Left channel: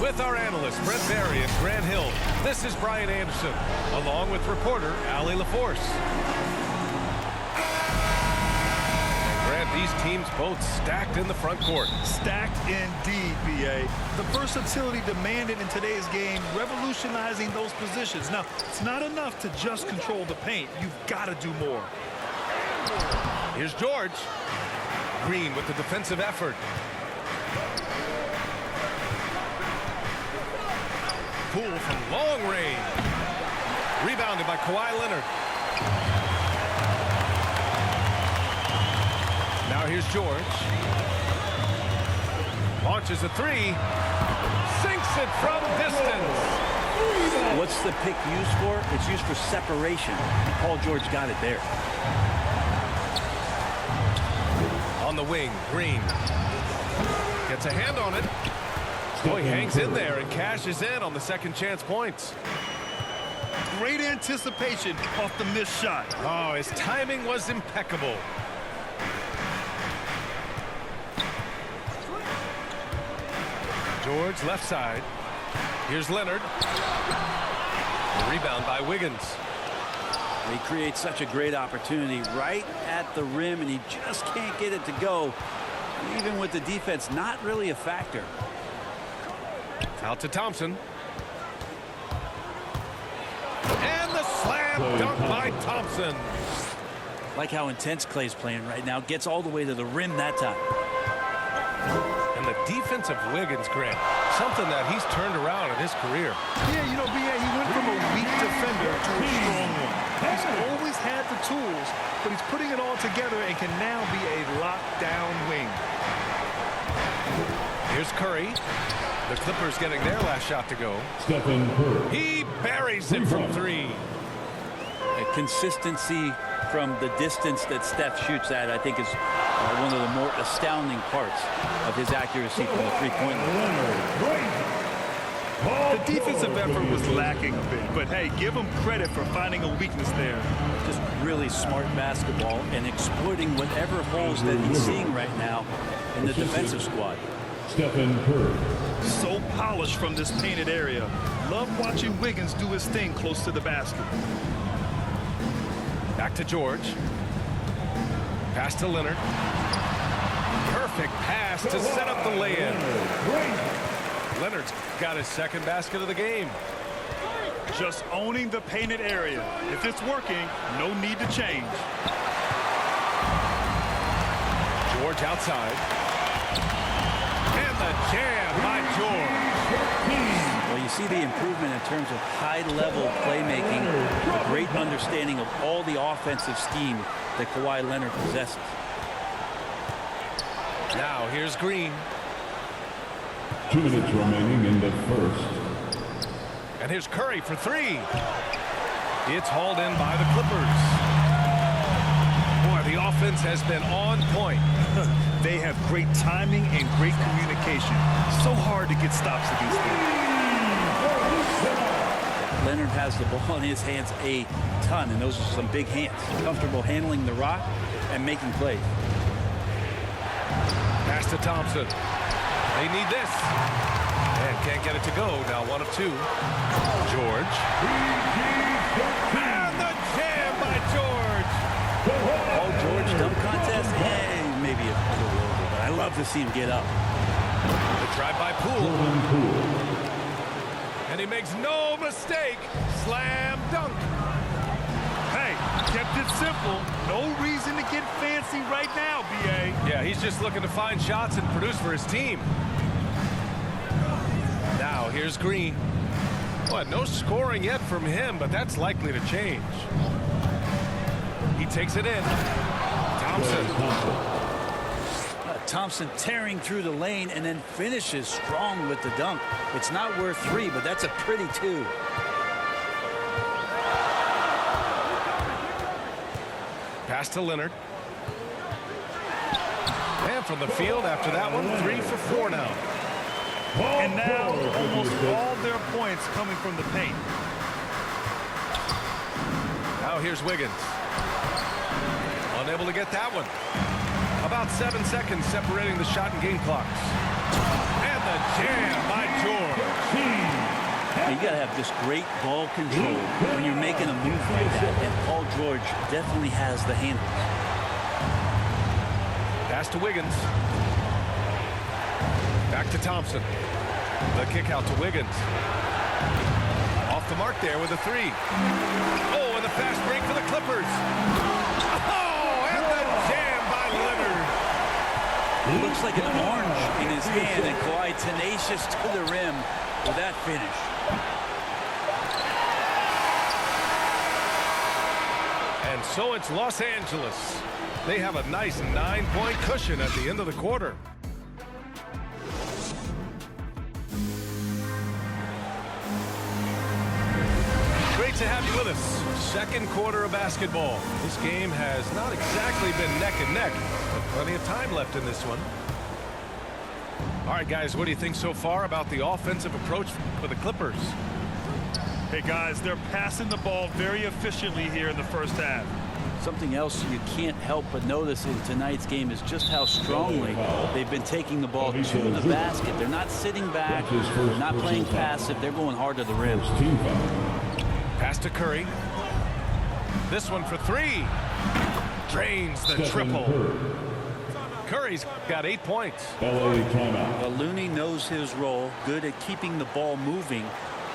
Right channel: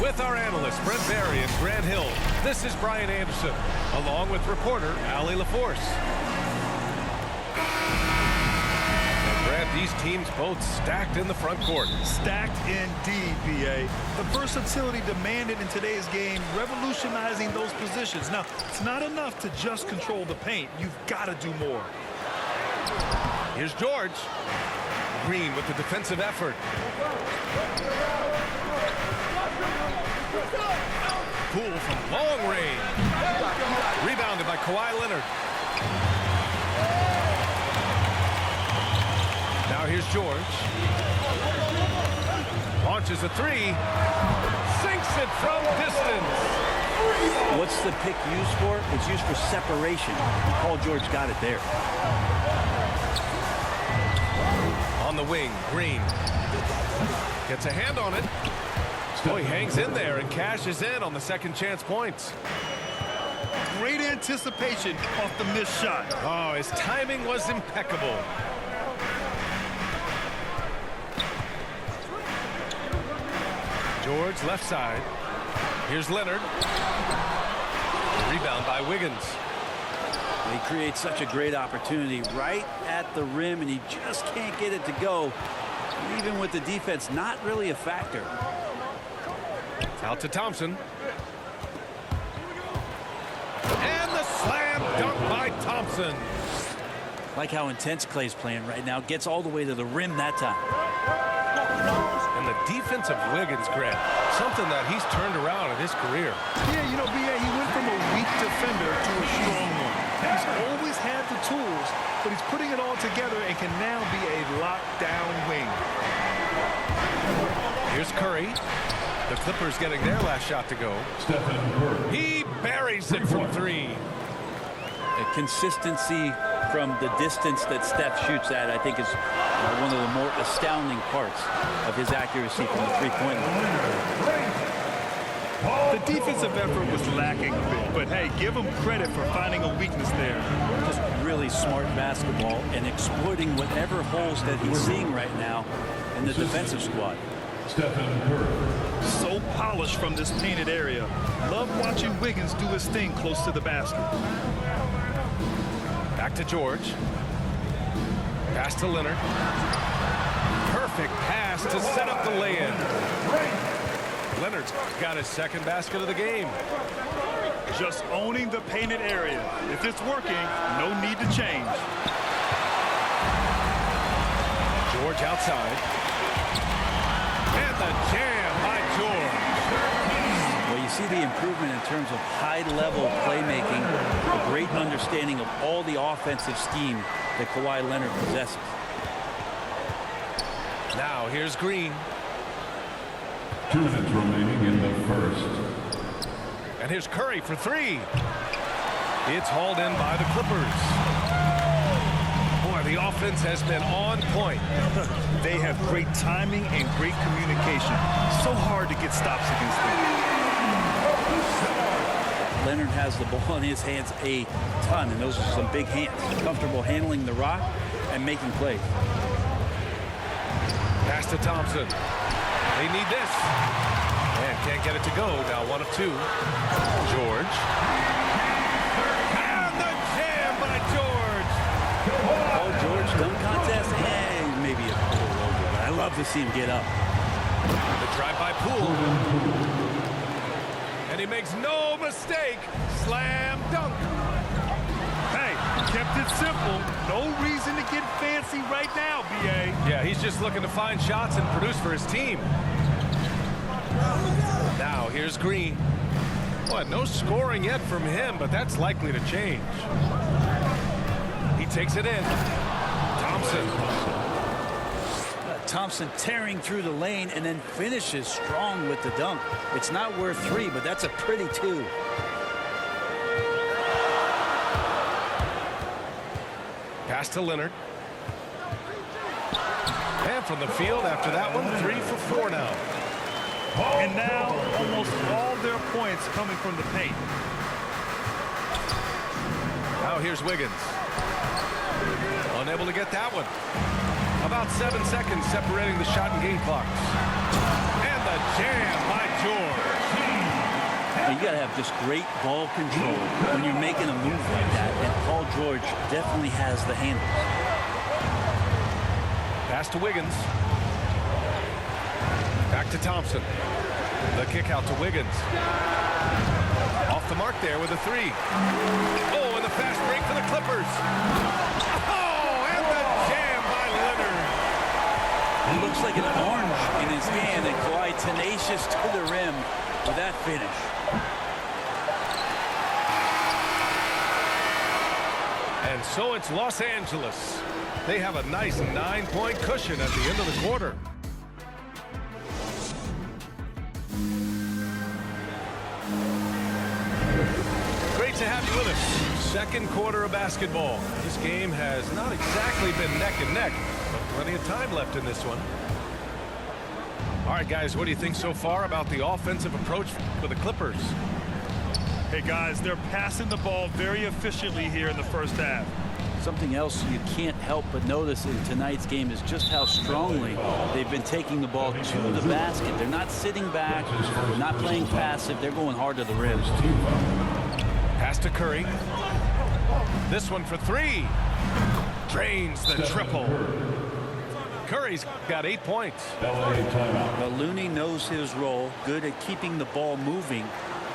With our analysts, Brent Barry and Grant Hill, this is Brian Anderson, along with reporter Allie LaForce. And Grant, these teams both stacked in the front court. Stacked indeed, B.A. The versatility demanded in today's game, revolutionizing those positions. Now, it's not enough to just control the paint. You've got to do more. Here's George. Green with the defensive effort. Poole from long range. Rebounded by Kawhi Leonard. Now here's George. Launches a three. Sinks it from distance. What's the pick used for? It's used for separation. Paul George got it there. On the wing, Green. Gets a hand on it. Oh, he hangs in there and cashes in on the second chance points. Great anticipation off the missed shot. Oh, his timing was impeccable. George left side. Here's Leonard. The rebound by Wiggins. He creates such a great opportunity right at the rim, and he just can't get it to go. Even with the defense not really a factor. Out to Thompson. And the slam dunk by Thompson. Like how intense Clay's playing right now. Gets all the way to the rim that time. And the defense of Wiggins, Grant, something that he's turned around in his career. Yeah, you know, B.A., he went from a weak defender to a strong one. He's always had the tools, but he's putting it all together and can now be a lockdown wing. Here's Curry. The Clippers getting their last shot to go. Stephen Curry. He buries it from three. A consistency from the distance that Steph shoots at, I think, is one of the more astounding parts of his accuracy from the three-point line. The defensive effort was lacking a bit, but hey, give him credit for finding a weakness there. Just really smart basketball and exploiting whatever holes that he's seeing right now in the defensive squad. Stephen Curry. So polished from this painted area. Love watching Wiggins do his thing close to the basket. Back to George. Pass to Leonard. Perfect pass to set up the lay-in. Leonard's got his second basket of the game. Just owning the painted area. If it's working, no need to change. George outside. And the jam by George. Well, you see the improvement in terms of high-level playmaking, a great understanding of all the offensive scheme that Kawhi Leonard possesses. Now here's Green. 2 minutes remaining in the first. And here's Curry for three. It's hauled in by the Clippers. Boy, the offense has been on point. They have great timing and great communication. So hard to get stops against them. Yeah, Leonard has the ball in his hands a ton, and those are some big hands. Comfortable handling the rock and making plays. Pass to Thompson. They need this. And can't get it to go. Now 1 of 2. George. And the jam by George. Paul George dunk contest, maybe a little over, but I love to see him get up. The drive by Poole. And he makes no mistake. Slam dunk. Hey, kept it simple. No reason to get fancy right now, B.A. Yeah, he's just looking to find shots and produce for his team. Now here's Green. Well, no scoring yet from him, but that's likely to change. He takes it in. Thompson. Thompson tearing through the lane and then finishes strong with the dunk. It's not worth 3, but that's a pretty 2. Pass to Leonard. And from the field after that one, 3 for 4 now. And now almost all their points coming from the paint. Now here's Wiggins. Unable to get that one. About 7 seconds separating the shot and game clocks. And the jam by George. You got to have just great ball control when you're making a move like that, and Paul George definitely has the handles. Pass to Wiggins. Back to Thompson. The kick out to Wiggins. Off the mark there with a three. Oh, and the fast break for the Clippers. Oh, and the jam by Leonard. It looks like an orange in his hand, and Kawhi tenacious to the rim with that finish. And so it's Los Angeles. They have a nice 9-point cushion at the end of the quarter. Great to have you with us. Second quarter of basketball. This game has not exactly been neck and neck, but plenty of time left in this one. All right, guys, what do you think so far about the offensive approach for the Clippers? Hey, guys, they're passing the ball very efficiently here in the first half. Something else you can't help but notice in tonight's game is just how strongly they've been taking the ball to the basket. They're not sitting back. They're not playing passive. They're going hard to the rim. Pass to Curry. This one for three. Drains the triple. Curry's got 8 points. LA timeout. Well, Looney knows his role, good at keeping the ball moving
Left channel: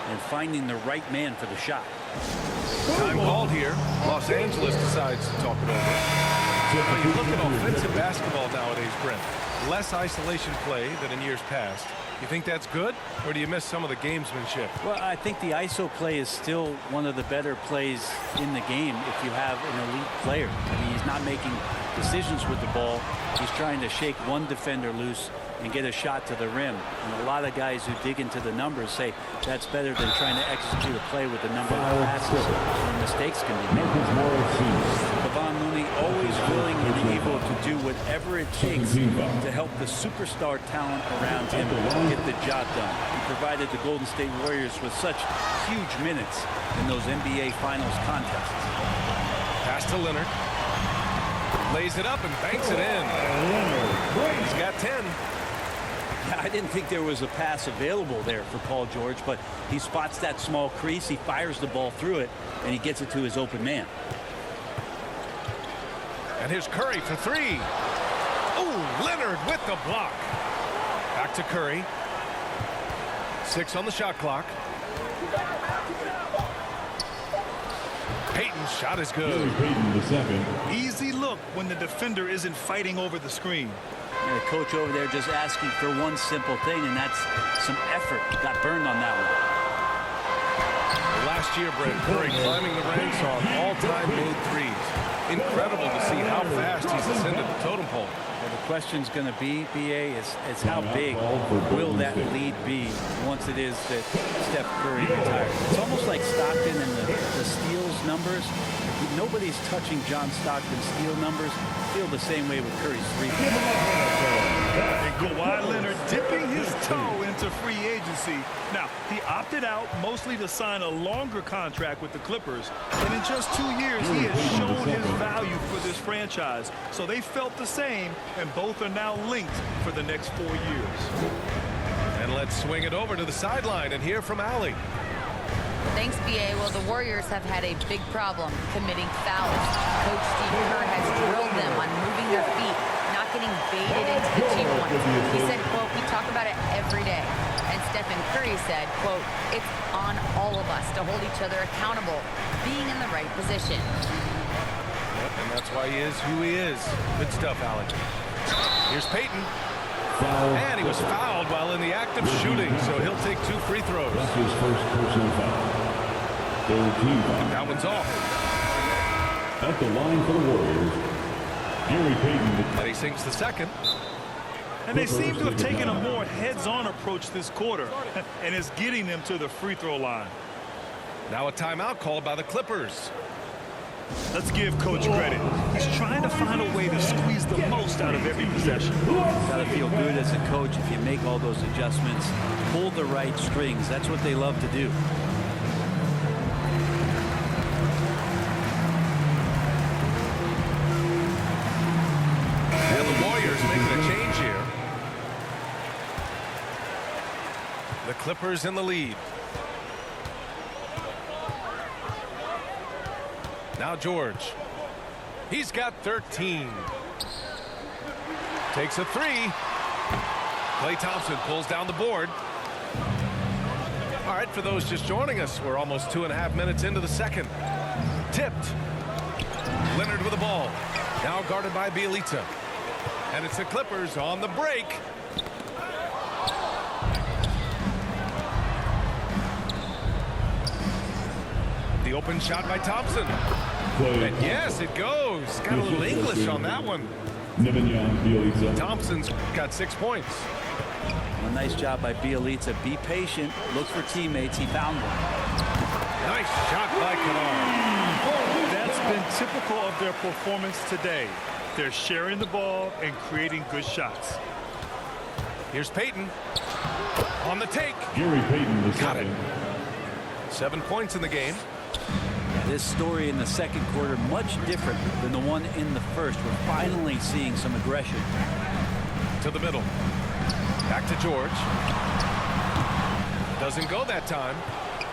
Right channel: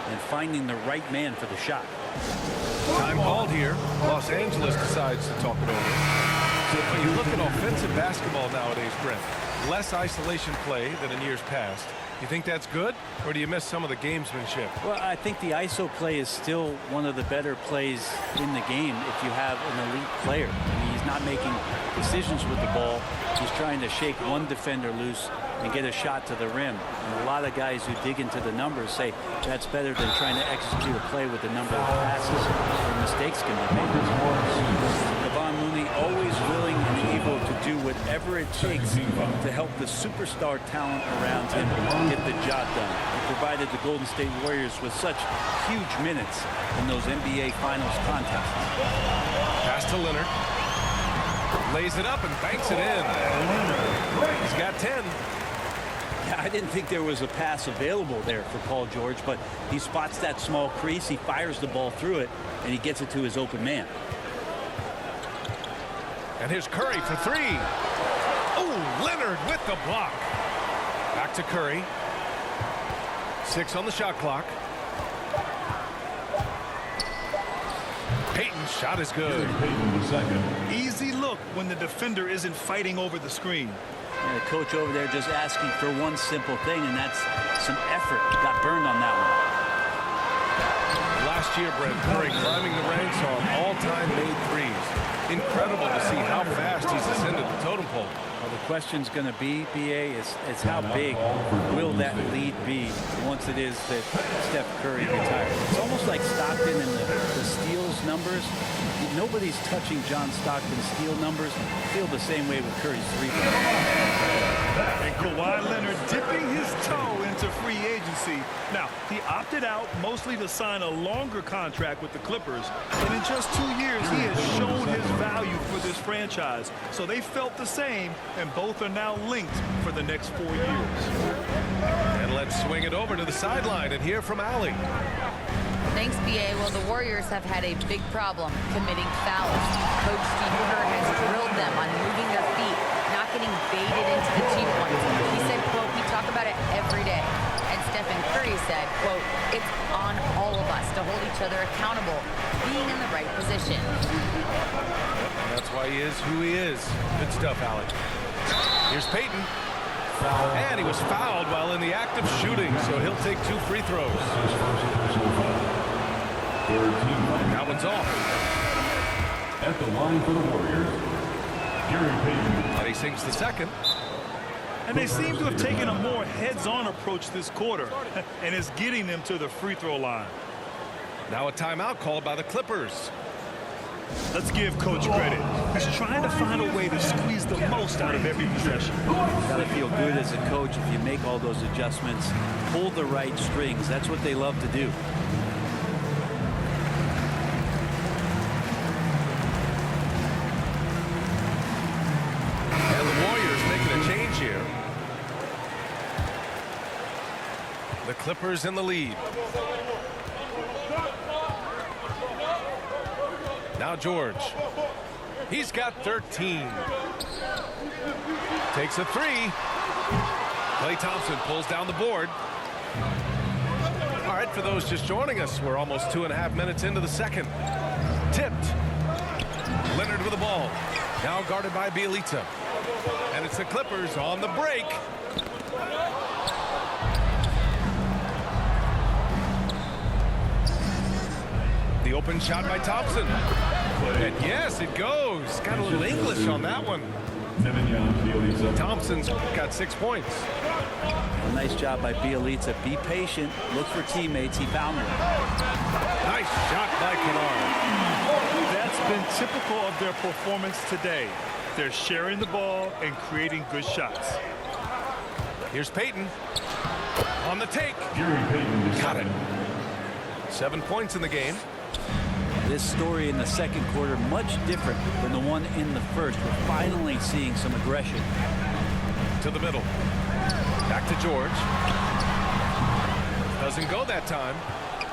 and finding the right man for the shot. Time called here. Los Angeles decides to talk it over. But you look at offensive basketball nowadays, Brent. Less isolation play than in years past. You think that's good, or do you miss some of the gamesmanship? Well, I think the ISO play is still one of the better plays in the game if you have an elite player. I mean, he's not making decisions with the ball. He's trying to shake one defender loose and get a shot to the rim. And a lot of guys who dig into the numbers say that's better than trying to execute a play with a number of passes where mistakes can be made. Kevon Looney always willing and able to do whatever it takes to help the superstar talent around him get the job done. He provided the Golden State Warriors with such huge minutes in those NBA Finals contests. Pass to Leonard. Lays it up and banks it in. He's got 10. Yeah, I didn't think there was a pass available there for Paul George, but he spots that small crease, he fires the ball through it, and he gets it to his open man. And here's Curry for three. Oh, Leonard with the block. Back to Curry. 6 on the shot clock. Payton's shot is good. Payton the second. Easy look when the defender isn't fighting over the screen. And the coach over there just asking for one simple thing, and that's some effort. Got burned on that one. Last year, Brent, Curry climbing the ranks on all-time made threes. Incredible to see how fast he's ascended the totem pole. Well, the question's going to be, BA, is how big will that lead be once it is that Steph Curry retires? It's almost like Stockton and the steals numbers. Nobody's touching John Stockton's steal numbers. I feel the same way with Curry's three-point. And Kawhi Leonard dipping his toe into free agency. Now, he opted out mostly to sign a longer contract with the Clippers. And in just 2 years, he has shown his value for this franchise. So they felt the same, and both are now linked for the next 4 years. And let's swing it over to the sideline and hear from Allie. Thanks, BA. Well, the Warriors have had a big problem committing fouls. Coach Steve Kerr has drilled them on moving their feet, not getting baited into the cheap ones. He said, quote, "We talk about it every day." And Stephen Curry said, quote, "It's on all of us to hold each other accountable, being in the right position." Yep, and that's why he is who he is. Good stuff, Allie. Here's Payton. And he was fouled while in the act of shooting, so he'll take 2 free throws. That's his first personal foul. Third team foul. That one's off. At the line for the Warriors, Gary Payton. And he sinks the second. And they seem to have taken a more heads-on approach this quarter, and it's getting them to the free throw line. Now a timeout called by the Clippers. Let's give Coach credit. He's trying to find a way to squeeze the most out of every possession. Got to feel good as a coach if you make all those adjustments, pull the right strings. That's what they love to do. And the Warriors making a change here. The Clippers in the lead. Now George. He's got 13. Takes a three. Klay Thompson pulls down the board. All right, for those just joining us, we're almost 2.5 minutes into the second. Tipped. Leonard with the ball. Now guarded by Bielitsa. And it's the Clippers on the break. The open shot by Thompson. And yes, it goes. Got a little English on that one. Thompson's got 6 points. A nice job by Bielitsa. Be patient. Look for teammates. He found one. Nice shot by Kennard. That's been typical of their performance today. They're sharing the ball and creating good shots. Here's Payton. On the take. Gary Payton Got it. 7 points in the game. This story in the second quarter much different than the one in the first. We're finally seeing some aggression. To the middle. Back to George. Doesn't go that time.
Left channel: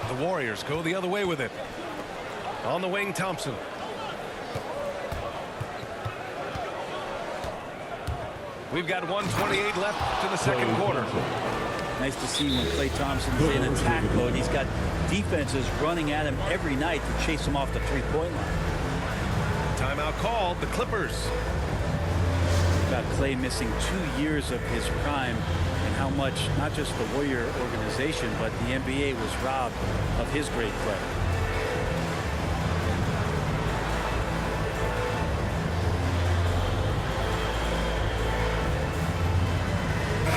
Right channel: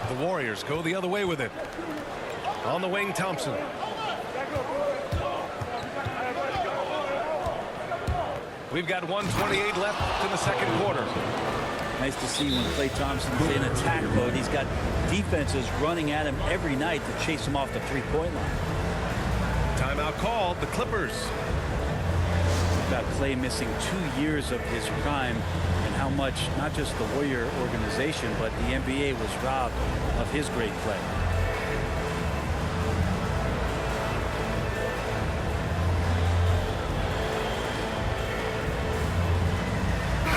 The Warriors go the other way with it. On the wing, Thompson. We've got 1:28 left in the second quarter. Nice to see when Klay Thompson's in attack mode. He's got defenses running at him every night to chase him off the three-point line. Timeout called. The Clippers. About Klay missing 2 years of his prime and how much not just the Warrior organization but the NBA was robbed of his great play.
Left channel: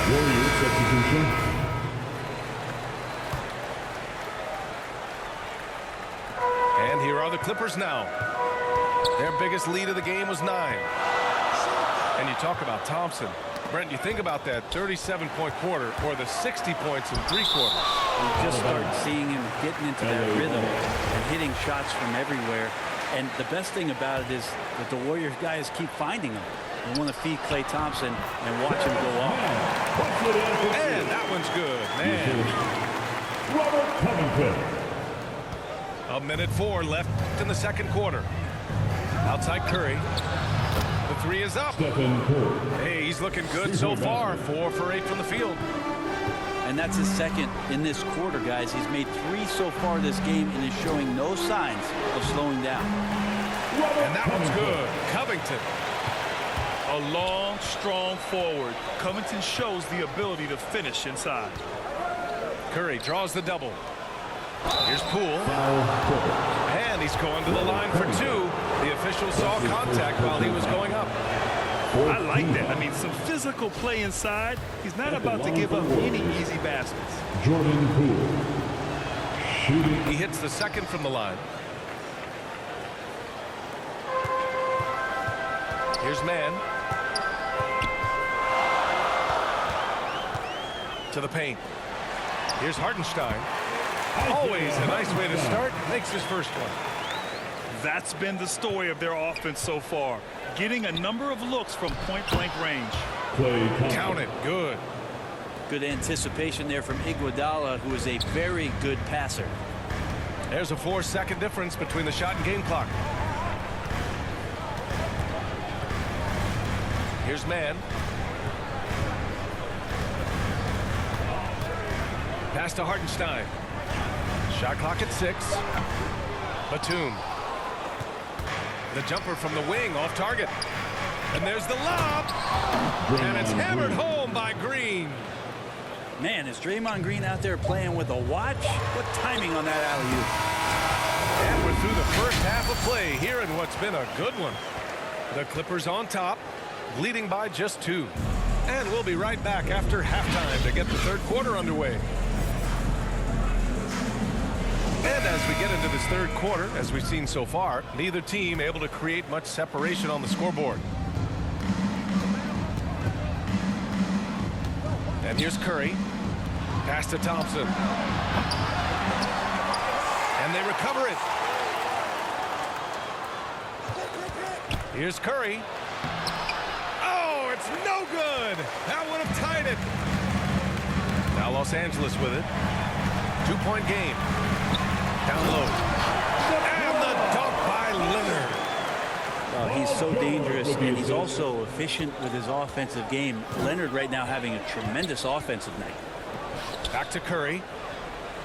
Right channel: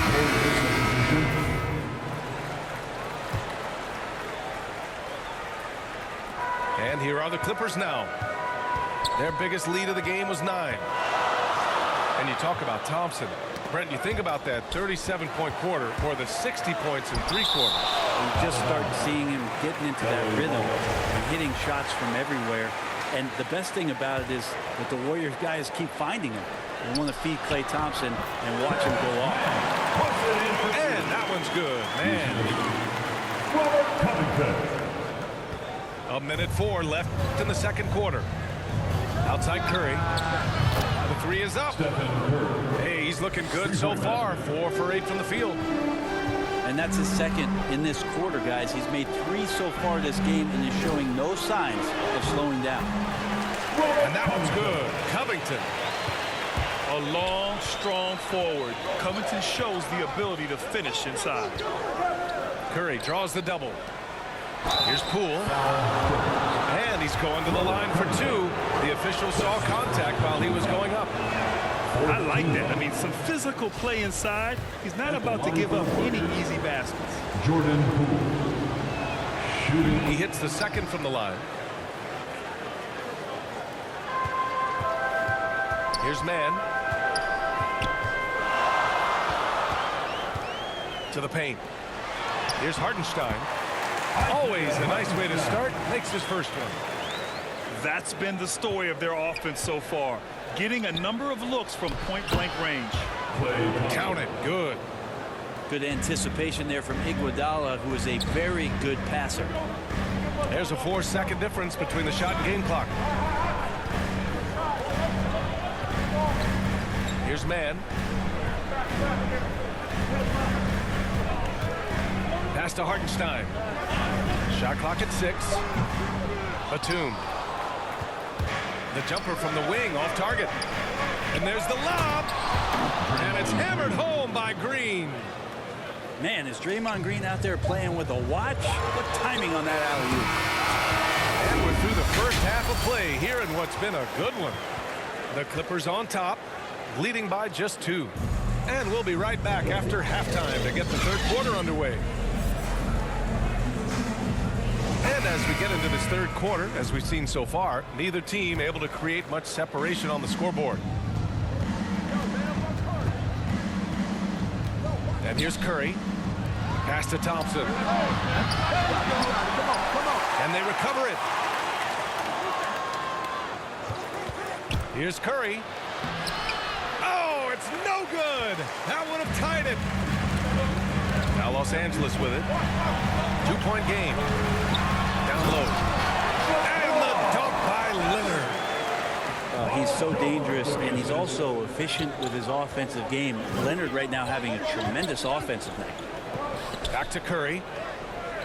Warriors substitution. And here are the Clippers now. Their biggest lead of the game was 9. And you talk about Thompson. Brent, you think about that 37-point quarter or the 60 points in 3 quarters. You just start seeing him getting into that rhythm and hitting shots from everywhere. And the best thing about it is that the Warriors guys keep finding him. They want to feed Klay Thompson and watch him go off. And that one's good, man. Robert Covington. 1:04 left in the second quarter. Outside Curry. The 3 is up. Stephen Curry. Hey, he's looking good so far. 4 for 8 from the field. And that's his second in this quarter, guys. He's made 3 so far this game and is showing no signs of slowing down. And that one's good. Covington. A long, strong forward. Covington shows the ability to finish inside. Curry draws the double. Here's Poole. And he's going to the line for 2. The official saw contact while he was going up. I like that. I mean, some physical play inside. He's not about to give up any easy baskets. Jordan Poole. Shooting. He hits the second from the line. Here's Mann. To the paint. Here's Hartenstein. Always a nice way to start. Makes his first one. That's been the story of their offense so far. Getting a number of looks from point-blank range. Count it. Good. Good anticipation there from Iguodala, who is a very good passer. There's a 4-second difference between the shot and game clock. Here's Mann. Pass to Hartenstein. Shot clock at 6. Batum. The jumper from the wing off target. And there's the lob. And it's hammered home by Green. Man, is Draymond Green out there playing with a watch? What timing on that alley-oop. And we're through the first half of play here in what's been a good one. The Clippers on top, leading by just 2. And we'll be right back after halftime to get the third quarter underway. And as we get into this third quarter, as we've seen so far, neither team able to create much separation on the scoreboard. And here's Curry. Pass to Thompson. And they recover it. Here's Curry. Oh, it's no good. That would have tied it. Now Los Angeles with it. 2-point game. Down low. And the dunk by Leonard. He's so dangerous, and he's also efficient with his offensive game. Leonard right now having a tremendous offensive night. Back to Curry.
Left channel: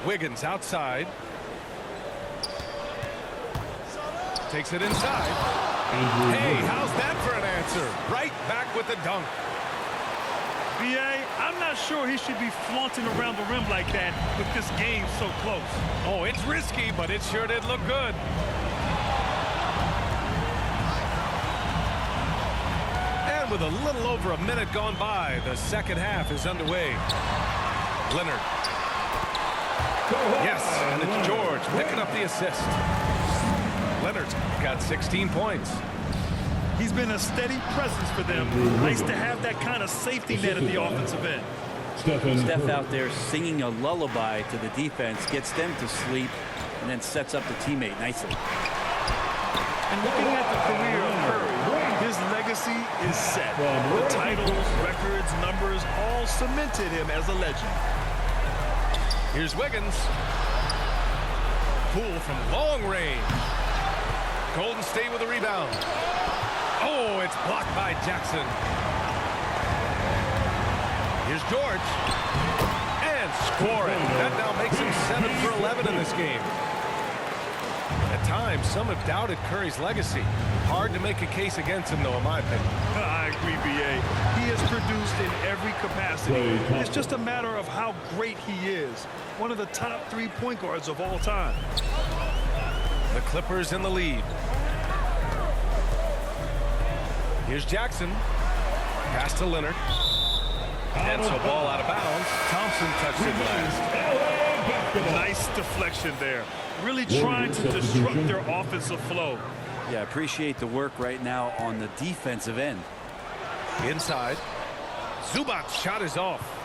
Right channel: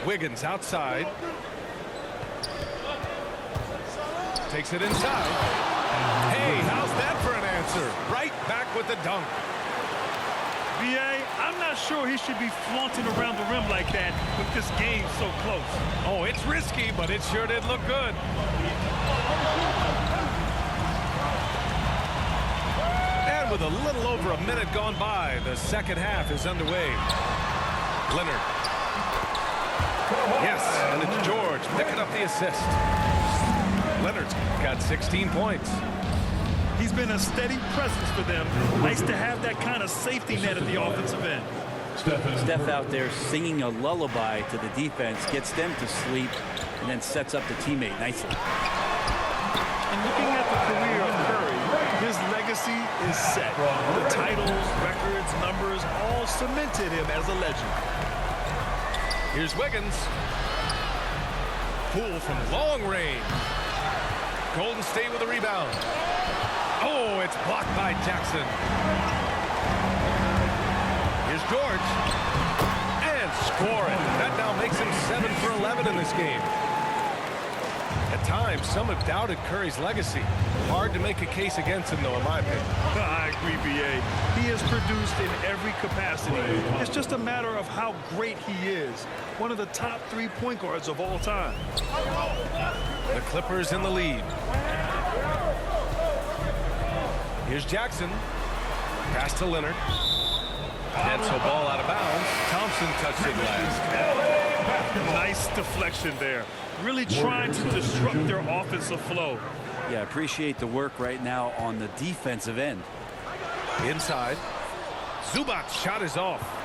Wiggins outside. Takes it inside. Hey, how's that for an answer? Right back with the dunk. B.A., I'm not sure he should be flaunting around the rim like that with this game so close. Oh, it's risky, but it sure did look good. And with a little over a minute gone by, the second half is underway. Leonard. Yes, and it's George picking up the assist. Leonard's got 16 points. He's been a steady presence for them. Nice to have that kind of safety net at the offensive end. Steph out there singing a lullaby to the defense, gets them to sleep, and then sets up the teammate nicely. And looking at the career of Curry, his legacy is set. The titles, records, numbers all cemented him as a legend. Here's Wiggins. Poole from long range. Golden State with a rebound. Oh, it's blocked by Jackson. Here's George. And scoring. That now makes him 7 for 11 in this game. At times, some have doubted Curry's legacy. Hard to make a case against him, though, in my opinion. I agree, B.A. He has produced in every capacity. It's just a matter of how great he is. One of the top 3 point guards of all time. The Clippers in the lead. Here's Jackson. Pass to Leonard. And so ball out of bounds. Thompson touched it last. Nice deflection there. Really trying to disrupt their offensive flow. Yeah, appreciate the work right now on the defensive end. Inside. Zubac's shot is off.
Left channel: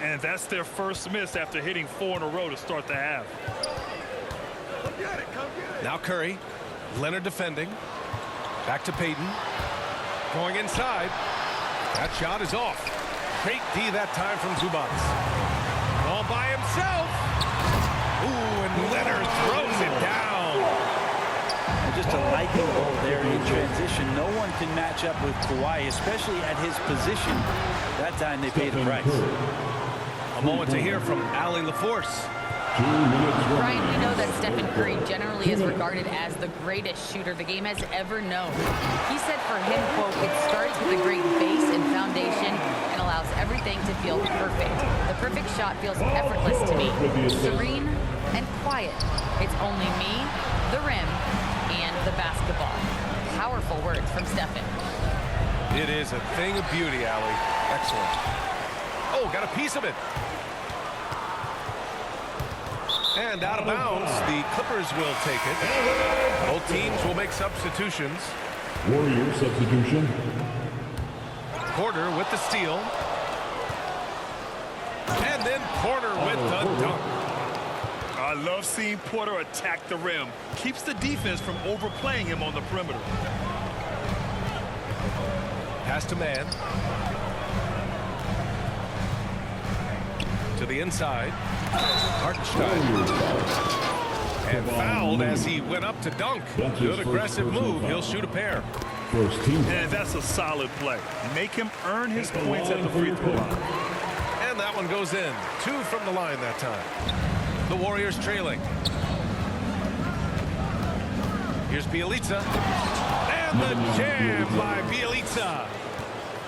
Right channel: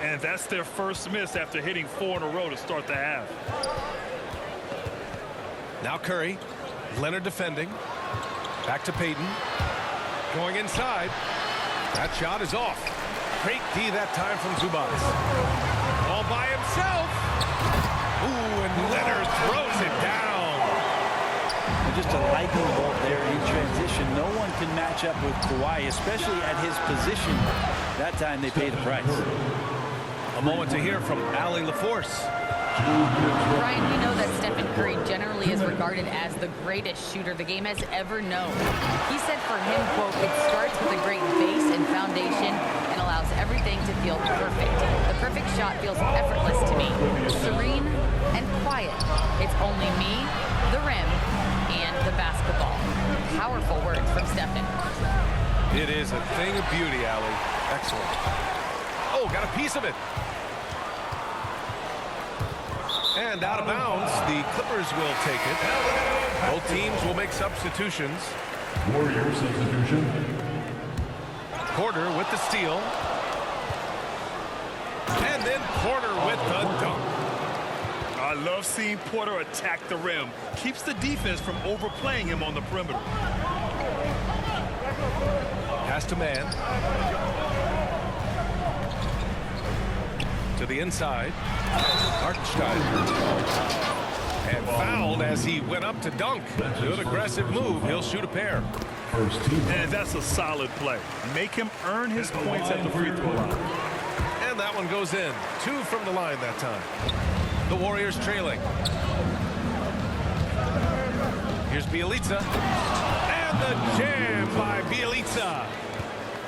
And that's their first miss after hitting 4 in a row to start the half. Now Curry. Leonard defending. Back to Payton. Going inside. That shot is off. Great D that time from Zubac. All by himself. Ooh, and Leonard throws it down. And just a lightning bolt there in transition. No one can match up with Kawhi, especially at his position. That time they paid a price. A moment to hear from Allie LaForce. Brian, we know that Stephen Curry generally is regarded as the greatest shooter the game has ever known. He said for him, quote, "It starts with a great base and foundation and allows everything to feel perfect. The perfect shot feels effortless to me, serene and quiet. It's only me, the rim, and the basketball." Powerful words from Stephen. It is a thing of beauty, Allie. Excellent. Oh, got a piece of it. And out of bounds, the Clippers will take it. Both teams will make substitutions. Warrior substitution. Porter with the steal. And then Porter with the dunk. I love seeing Porter attack the rim. Keeps the defense from overplaying him on the perimeter. Pass to man. To the inside. Hartenstein. And fouled as he went up to dunk. Good aggressive move. He'll shoot a pair. First team. And that's a solid play. Make him earn his points at the free throw line. And that one goes in. 2 from the line that time. The Warriors trailing. Here's Bielitsa. And the jam by Bielitsa.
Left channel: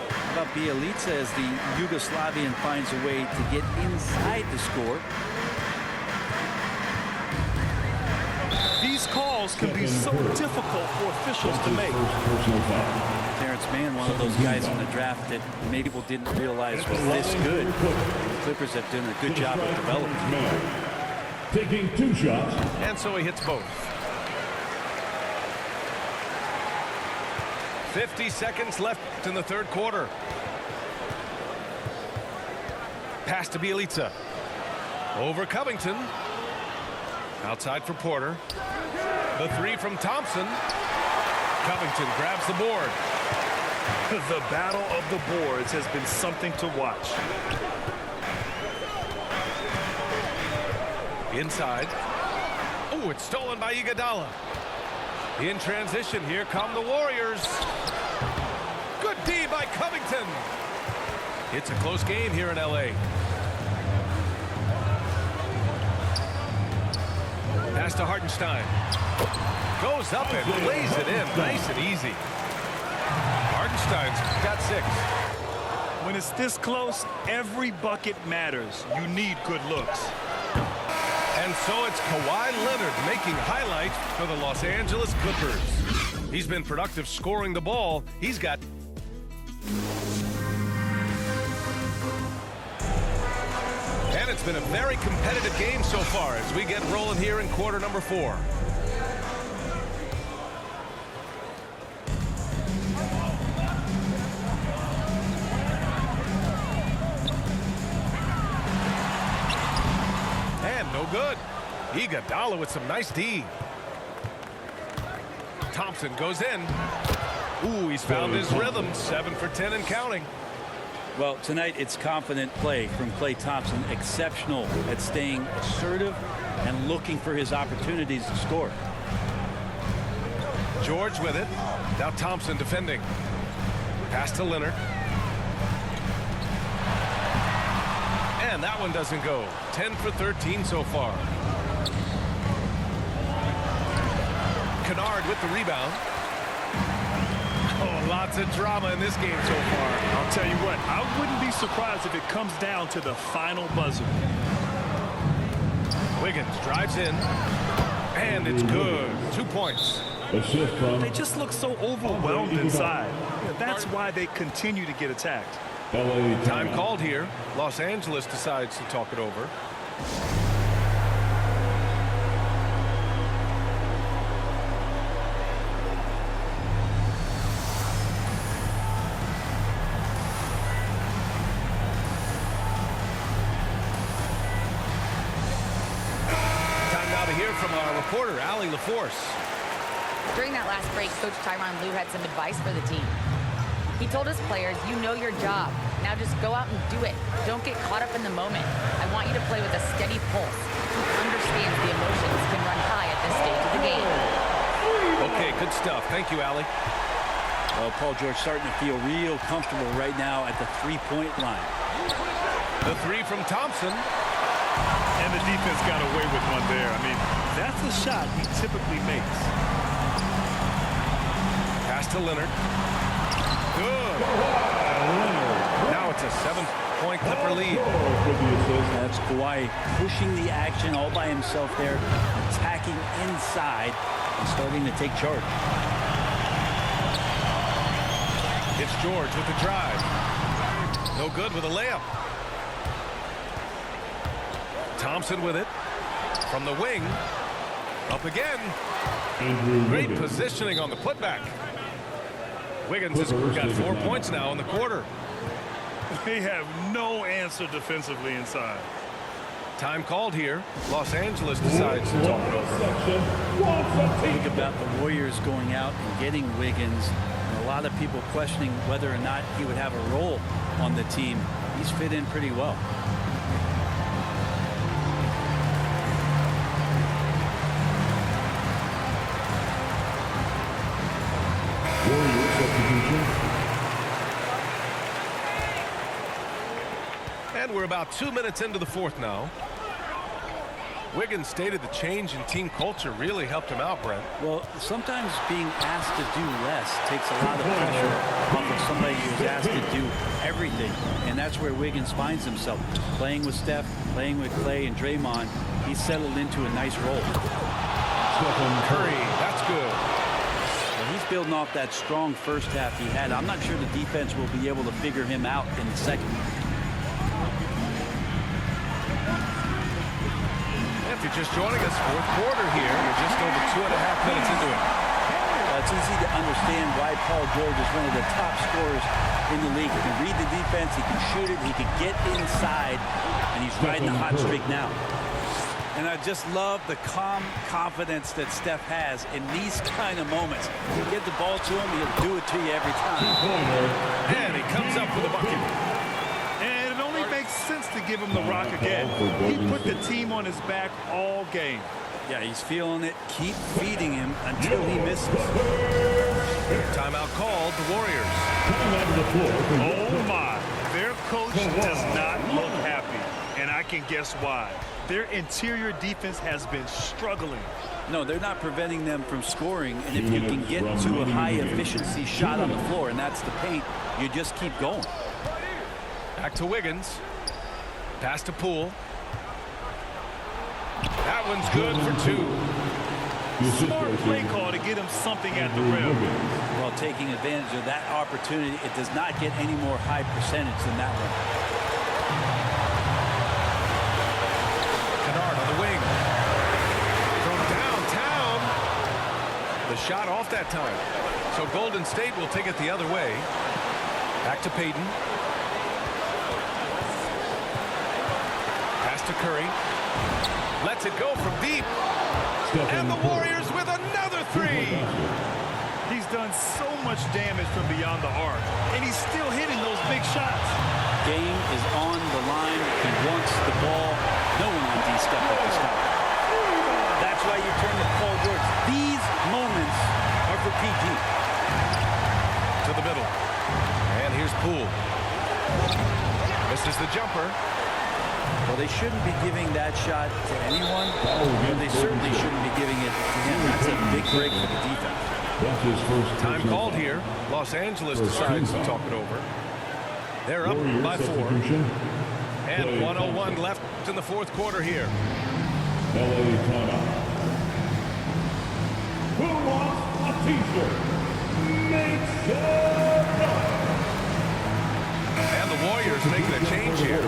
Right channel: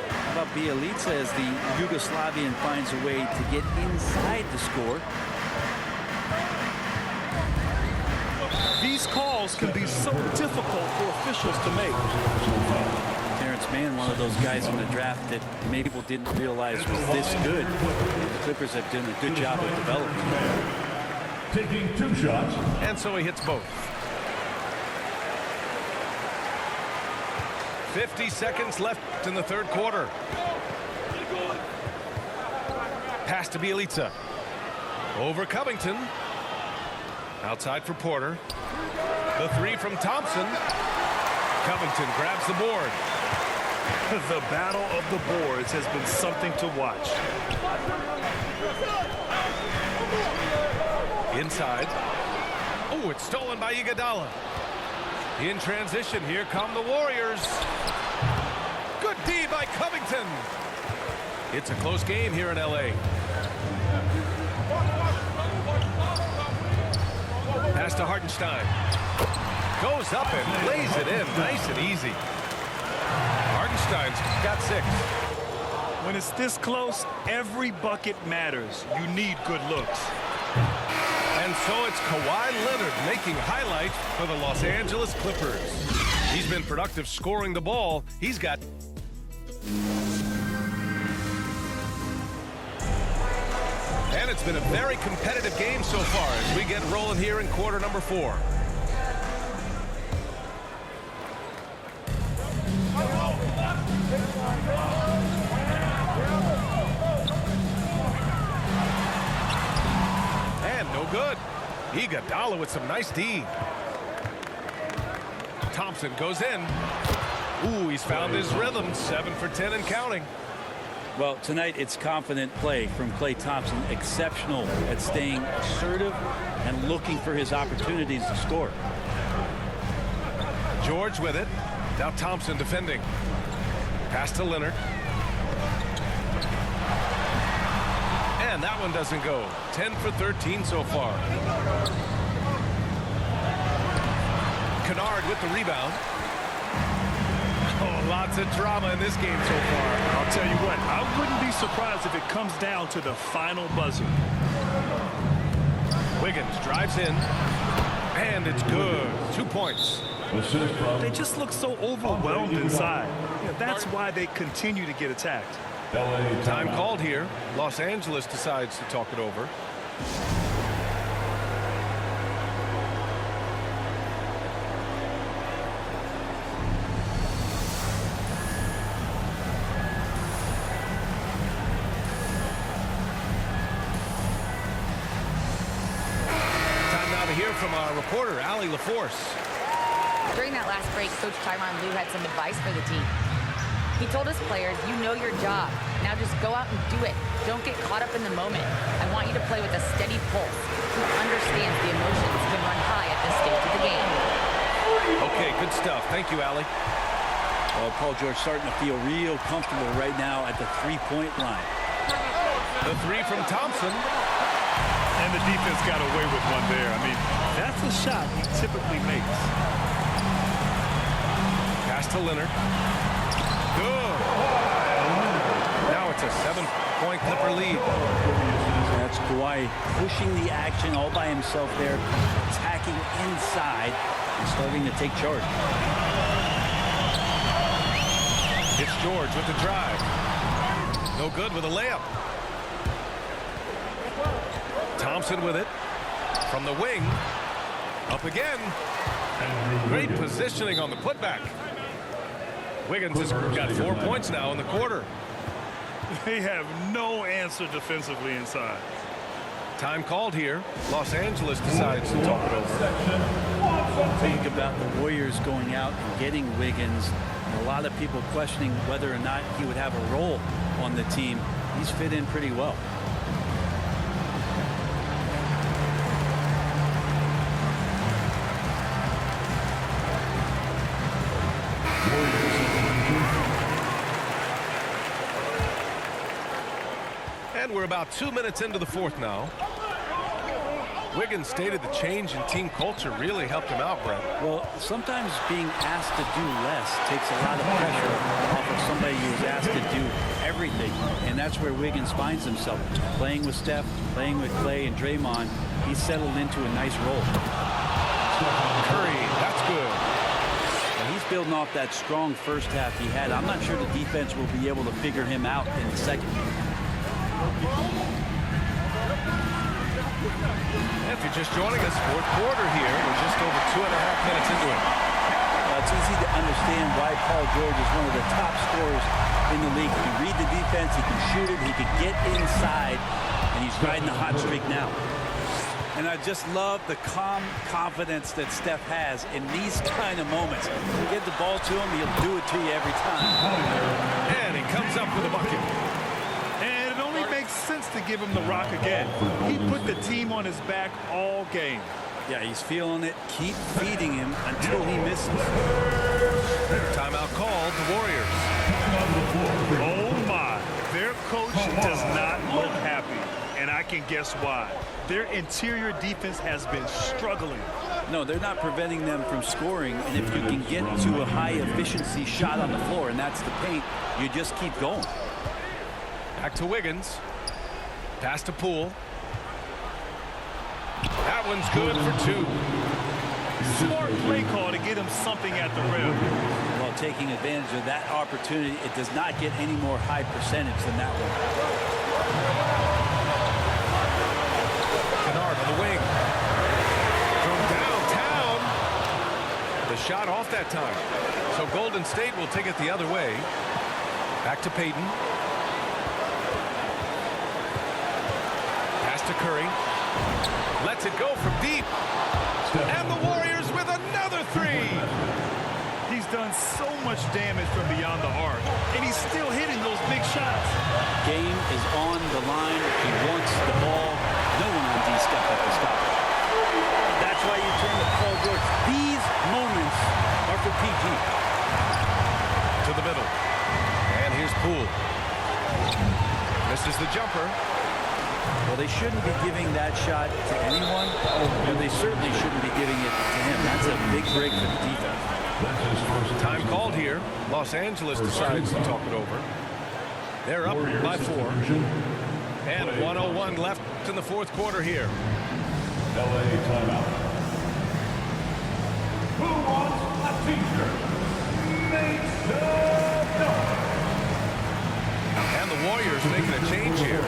How about Bielitsa as the Yugoslavian finds a way to get inside the score? These calls can be so difficult for officials to make. Personal foul. Terrence Mann, one of those guys in the draft that maybe people didn't realize was this good. And the Clippers have done a good job of developing him. Taking 2 shots. And so he hits both. 50 seconds left in the third quarter. Pass to Bielitsa. Over Covington. Outside for Porter. The 3 from Thompson. Covington grabs the board. The battle of the boards has been something to watch. Inside. Oh, it's stolen by Iguodala. In transition, here come the Warriors. Good D by Covington. It's a close game here in LA. Pass to Hartenstein. Goes up and lays it in nice and easy. Hartenstein's got 6. When it's this close, every bucket matters. You need good looks. And so it's Kawhi Leonard making highlights for the Los Angeles Clippers. He's been productive scoring the ball. He's got... And it's been a very competitive game so far as we get rolling here in quarter number 4. And no good. Iguodala with some nice D. Thompson goes in. Ooh, he's found his rhythm. 7 for 10 and counting. Well, tonight it's confident play from Klay Thompson. Exceptional at staying assertive and looking for his opportunities to score. George with it. Now Thompson defending. Pass to Leonard. And that one doesn't go. 10 for 13 so far. Kennard with the rebound. Oh, lots of drama in this game so far. I'll tell you what, I wouldn't be surprised if it comes down to the final buzzer. Wiggins drives in. And it's good. 2 points. Assist from They just look so overwhelmed inside. Yeah, that's why they continue to get attacked. LA Time called here. Los Angeles decides to talk it over. Time now to hear from our reporter, Allie LaForce. During that last break, Coach Tyronn Lue had some advice for the team. He told his players, you know your job. Now just go out and do it. Don't get caught up in the moment. I want you to play with a steady pulse. He understands the emotions can run high at this stage of the game. Okay, good stuff. Thank you, Allie. Well, Paul George starting to feel real comfortable right now at the three-point line. The 3 from Thompson. And the defense got away with one there. I mean, that's a shot he typically makes. Pass to Leonard. Good. Now it's a 7-point Clipper lead. That's Kawhi pushing the action all by himself there, attacking inside and starting to take charge. It's George with the drive. No good with a layup. Thompson with it. From the wing. Up again. Great positioning on the putback. Wiggins has got 4 points now in the quarter. They have no answer defensively inside. Time called here. Los Angeles decides to talk it over. Think about the Warriors going out and getting Wiggins. And a lot of people questioning whether or not he would have a role on the team. He's fit in pretty well. Warriors substitution. And we're about 2 minutes into the 4th now. Wiggins stated the change in team culture really helped him out, Brent. Well, sometimes being asked to do less takes a lot of pressure off of somebody who's asked to do everything. And that's where Wiggins finds himself. Playing with Steph, playing with Klay and Draymond, he's settled into a nice role. Curry, that's good. Well, he's building off that strong first half he had. I'm not sure the defense will be able to figure him out in the second. If you're just joining us, 4th quarter here. We're just over 2.5 minutes into it. It's easy to understand why Paul George is one of the top scorers in the league. He can read the defense, he can shoot it, he can get inside, and he's riding the hot streak now. And I just love the calm confidence that Steph has in these kind of moments. Get the ball to him, he'll do it to you every time. And he comes up with a bucket. And it only makes sense to give him the rock again. He put the team on his back all game. Yeah, he's feeling it. Keep feeding him until he misses. Timeout called, the Warriors. Oh, my. Their coach does not look happy, and I can guess why. Their interior defense has been struggling. No, they're not preventing them from scoring, and if you can get to a high-efficiency shot on the floor, and that's the paint, you just keep going. Back to Wiggins. Pass to Poole. That one's good for two. Smart play call to get him something at the rim. Well, taking advantage of that opportunity, it does not get any more high percentage than that one. Kennard on the wing. From downtown. The shot off that time. So Golden State will take it the other way. Back to Payton. Pass to Curry. Lets it go from deep. And the Warriors with another three. He's done so much damage from beyond the arc, and he's still hitting those big shots. Game is on the line. He wants the ball. No one on D stepped up to stop him. That's why you turn to Paul George. These moments are for PG. To the middle. And here's Poole. Misses the jumper. Well, they shouldn't be giving that shot to anyone, but they certainly shouldn't be giving it to him. That's a big break for the defense. That's his first Time called here. Los Angeles decides to talk it over. They're up by 4. And 1:01 left in the fourth quarter here. LA timeout. Who wants a t-shirt? Make some noise. And the Warriors making a change here.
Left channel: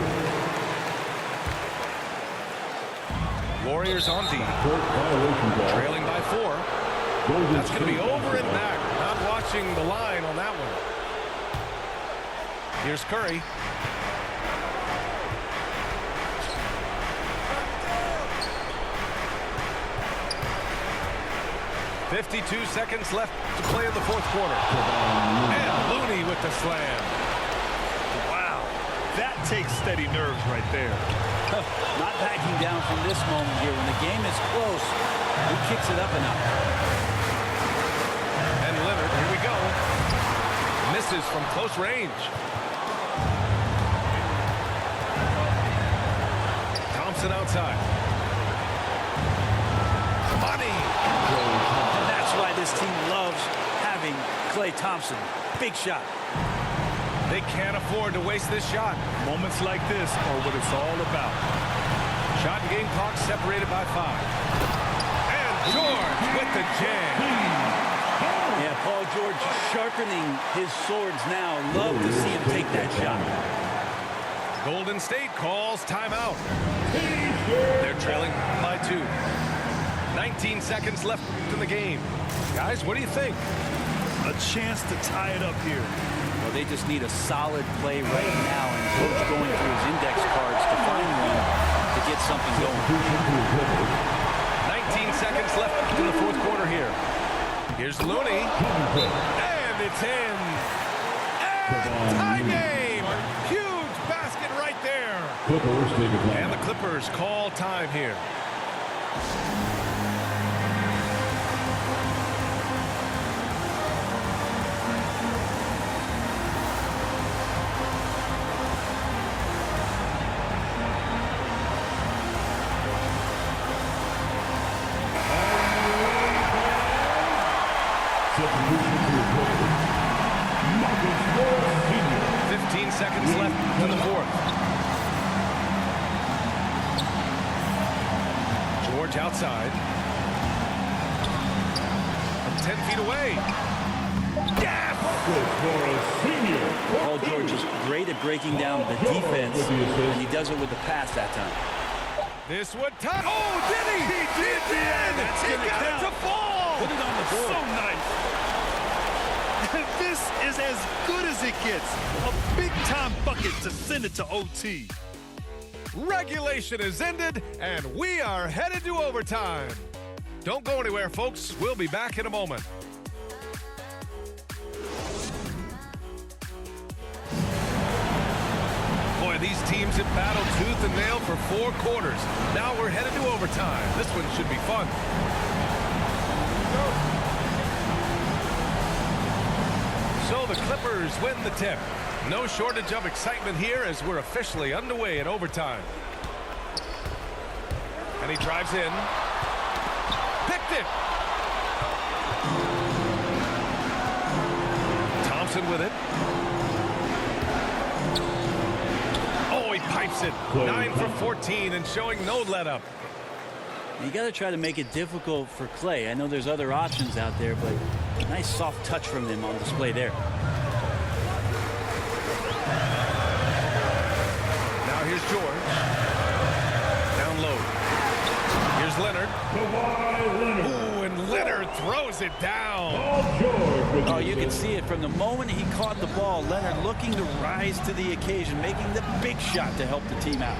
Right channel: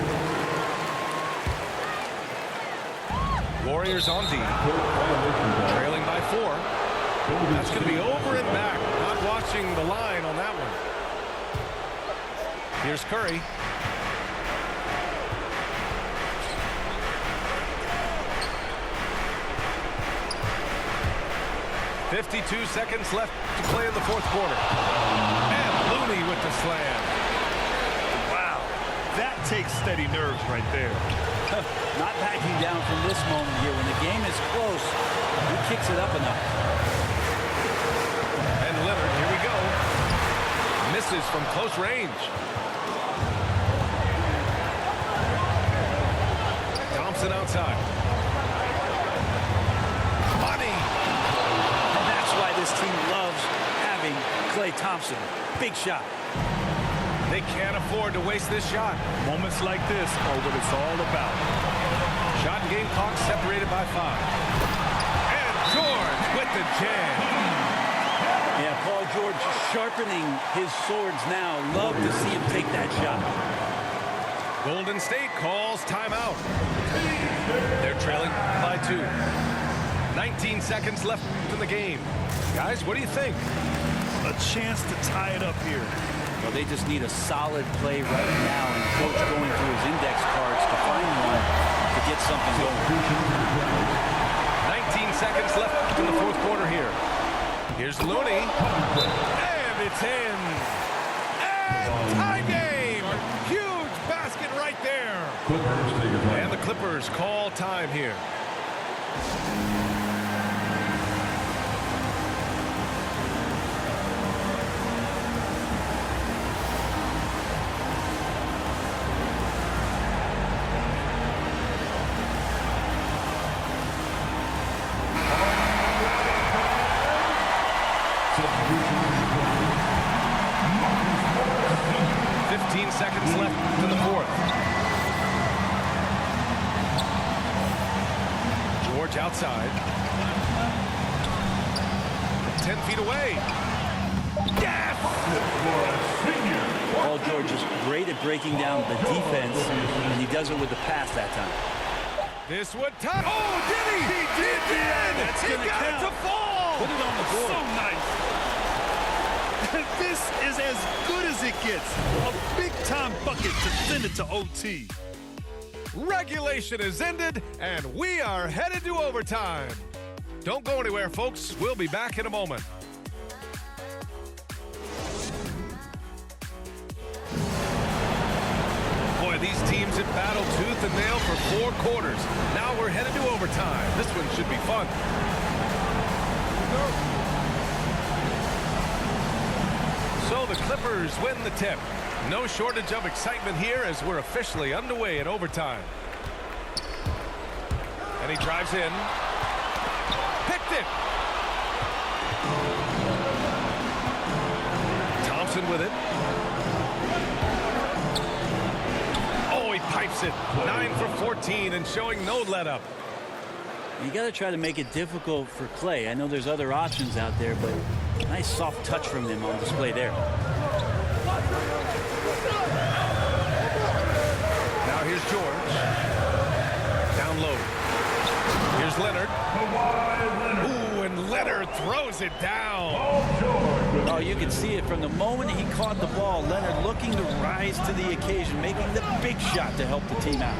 Warriors on D. Trailing by 4. That's going to be over and back. Not watching the line on that one. Here's Curry. .52 seconds left to play in the fourth quarter. And Looney with the slam. Wow, that takes steady nerves right there. Not backing down from this moment here. When the game is close, he kicks it up a notch. And Leonard, here we go. Misses from close range. Thompson outside. Money. And that's why this team loves having Klay Thompson. Big shot. They can't afford to waste this shot. Moments like this are what it's all about. Shot and game clock separated by 5. And George with the jam. Yeah, Paul George sharpening his swords now. Love to see him take that shot. Golden State calls timeout. They're trailing by 2. 19 seconds left in the game. Guys, what do you think? A chance to tie it up here. Well, they just need a solid play right now, and Coach going through his index cards to find one to get something going. 19 seconds left in the fourth quarter here. Here's Looney. And it's in. And tie game. Huge basket right there. And the Clippers call time here. Substitution reported. 15 seconds left in the fourth. George outside. From 10 feet away. Yes! Paul George is great at breaking down the defense, and he does it with the pass that time. This would tie. Oh, did he? He did. That's he gonna got count. it to fall. Put it on the board. So nice. This is as good as it gets. A big-time bucket to send it to OT. Regulation is ended, and we are headed to overtime. Don't go anywhere, folks. We'll be back in a moment. Boy, these teams have battled tooth and nail for 4 quarters. Now we're headed to overtime. This one should be fun. So the Clippers win the tip. No shortage of excitement here as we're officially underway in overtime. And he drives in. Picked it. Thompson with it. Oh, he pipes it. 9 for 14 and showing no let up. You got to try to make it difficult for Clay. I know there's other options out there, but nice soft touch from him on display there. Now here's George. Down low. Here's Leonard. Ooh, and Leonard throws it down. Oh, you can see it from the moment he caught the ball. Leonard looking to rise to the occasion, making the big shot to help the team out.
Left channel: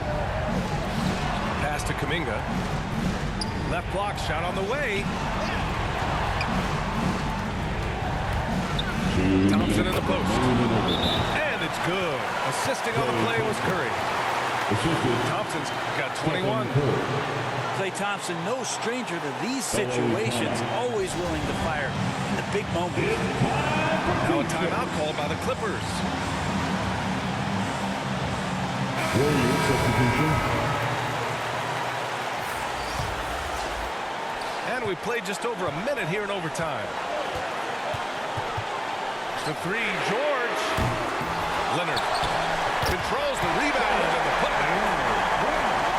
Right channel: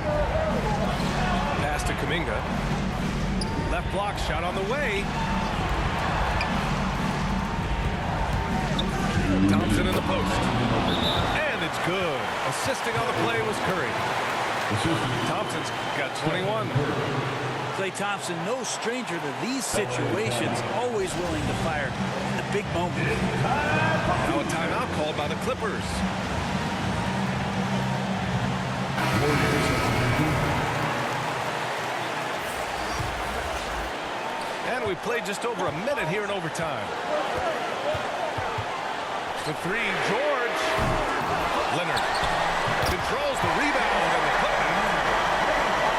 Pass to Kuminga. Left block shot on the way. Thompson in the post. And it's good. Assisting on the play was Curry. Thompson's got 21. Klay Thompson, no stranger to these situations, always willing to fire in the big moments. Now a timeout called by the Clippers. And we played just over a minute here in overtime. The 3, George. Leonard controls the rebound and the putback.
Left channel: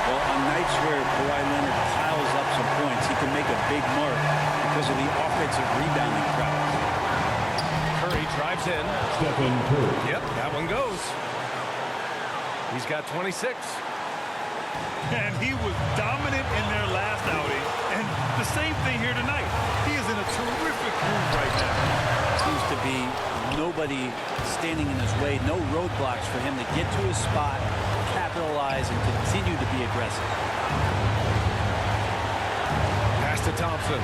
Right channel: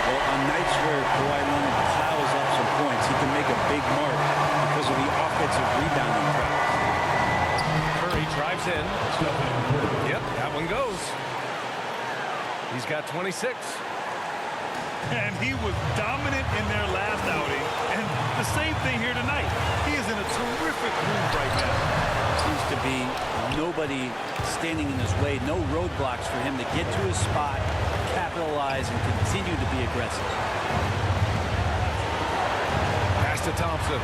Well, on nights where Kawhi Leonard piles up some points, he can make a big mark because of the offensive rebounding prowess. Curry drives in. Stephen Curry. Yep, that one goes. He's got 26. And he was dominant in their last outing. And the same thing here tonight. He is in a terrific groove right now. Seems to be nobody standing in his way, no roadblocks for him to get to his spot, capitalize, and continue to be aggressive. Pass to Thompson.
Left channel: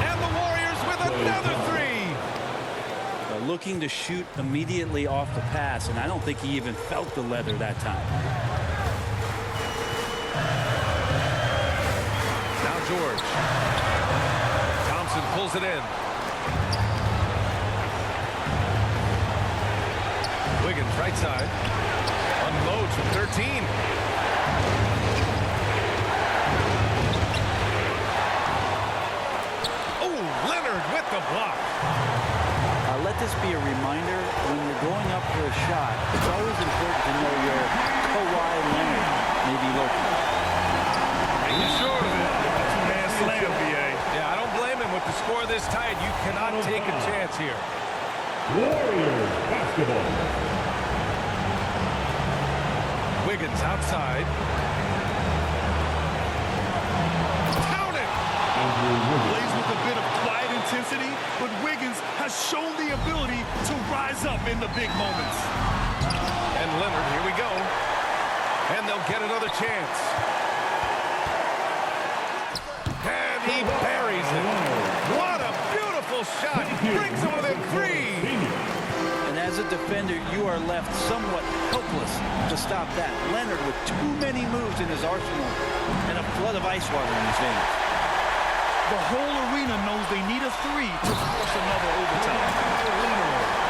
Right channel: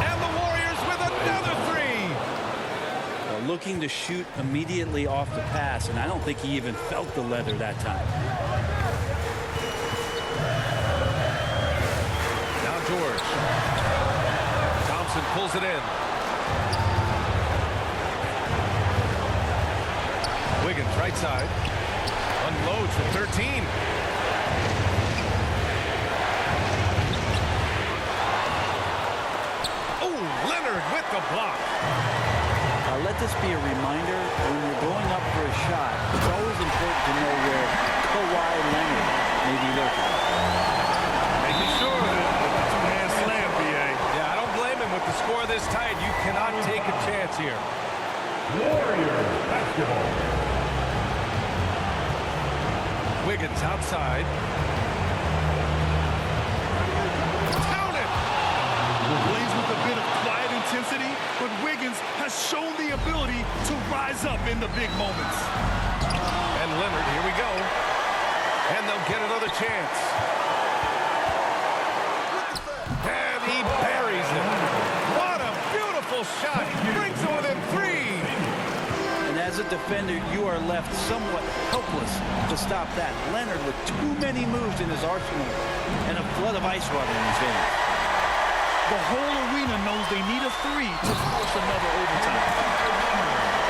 And the Warriors with another 3. Looking to shoot immediately off the pass, and I don't think he even felt the leather that time. Now George. Thompson pulls it in. Wiggins right side. Unloads from 13. Oh, Leonard with the block. Let this be a reminder, when you're going up for a shot, it's always important to know where Kawhi Leonard may be lurking. Making sure of it with the 2-man slam, BA. Yeah, I don't blame him with the score this tight. You cannot take a chance here. Warriors basketball. Wiggins outside. Count it! Plays with a bit of quiet intensity, but Wiggins has shown the ability to rise up in the big moments. And Leonard, here we go. And they'll get another chance. And he buries it. What a beautiful shot. Brings it within 3. And as a defender, you are left somewhat helpless to stop that. Leonard with too many moves in his arsenal and a flood of ice water in his veins. The whole arena knows they need a 3 to force another overtime.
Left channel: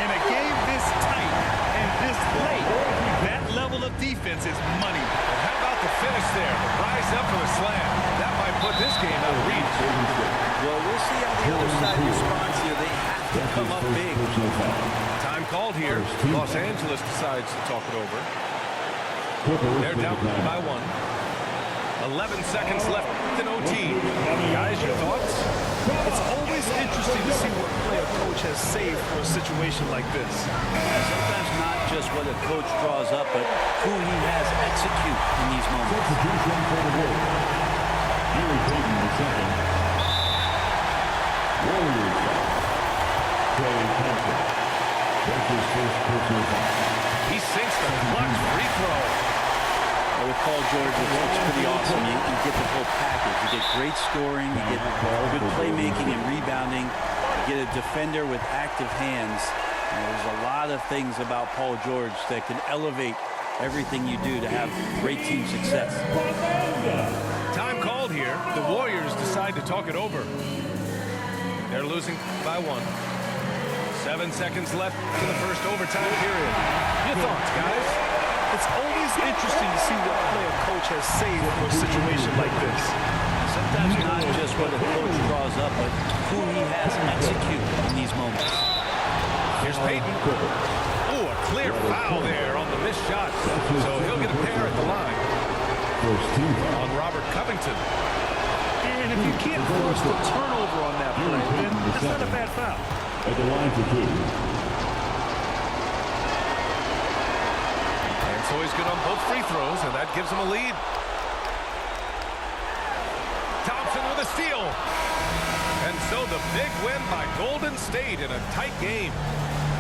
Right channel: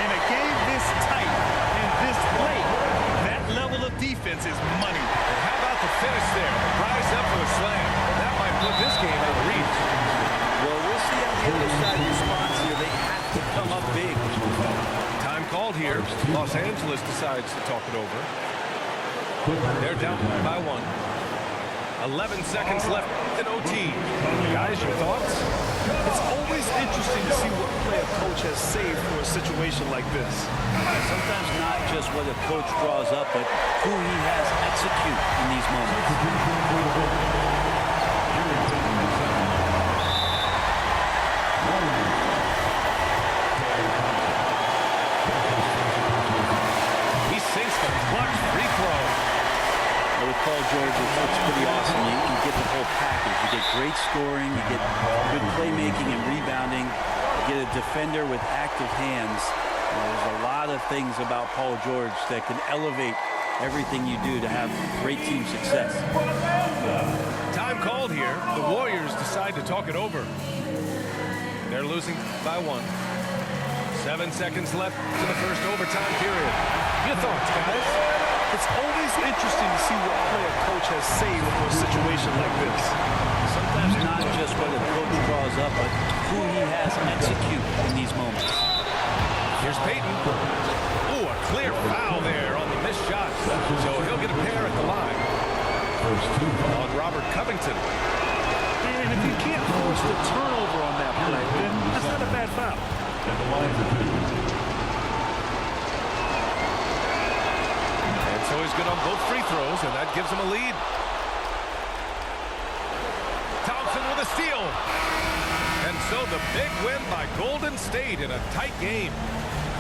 In a game this tight and this late, that level of defense is money. And how about the finish there? The rise up for the slam. That might put this game out of reach. Well, we'll see how the other side responds here. They have to come up big. Time called here. Los Angeles decides to talk it over. They're down by 1. 11 seconds left in OT. Guys, your thoughts? It's always interesting to see what play a coach has saved for a situation like this. Sometimes not just what a coach draws up, but who he has execute in these moments. Substitution for the Warriors. Gary Payton II. Warriors foul. Klay Thompson. That's his first personal foul. He sinks the clutch free throw. Well, with Paul George, it's pretty awesome. You get the whole package. You get great scoring, you get good playmaking and rebounding, you get a defender with active hands. You know, there's a lot of things about Paul George that can elevate everything you do to have great team success. Time called here. The Warriors decide to talk it over. They're losing by 1. 7 seconds left to the first overtime period. Your thoughts, guys? It's always interesting to see what play a coach has saved for a situation like this. And sometimes not just what a coach draws up, but who he has execute in these moments. Here's Peyton. Oh, a clear foul there on the missed shot. So he'll get a pair at the line. On Robert Covington. And if you can't force the turnover on that play, then that's not a bad foul. At the line for 2. And so he's good on both free throws, and that gives him a lead. Thompson with a steal. And so the big win by Golden State in a tight game.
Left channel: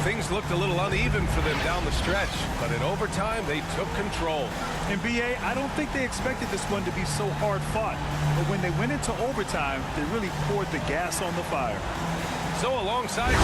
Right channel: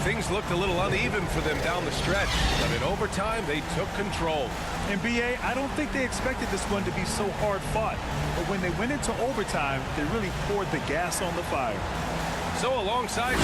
Things looked a little uneven for them down the stretch, but in overtime, they took control. And BA, I don't think they expected this one to be so hard fought. But when they went into overtime, they really poured the gas on the fire. So alongside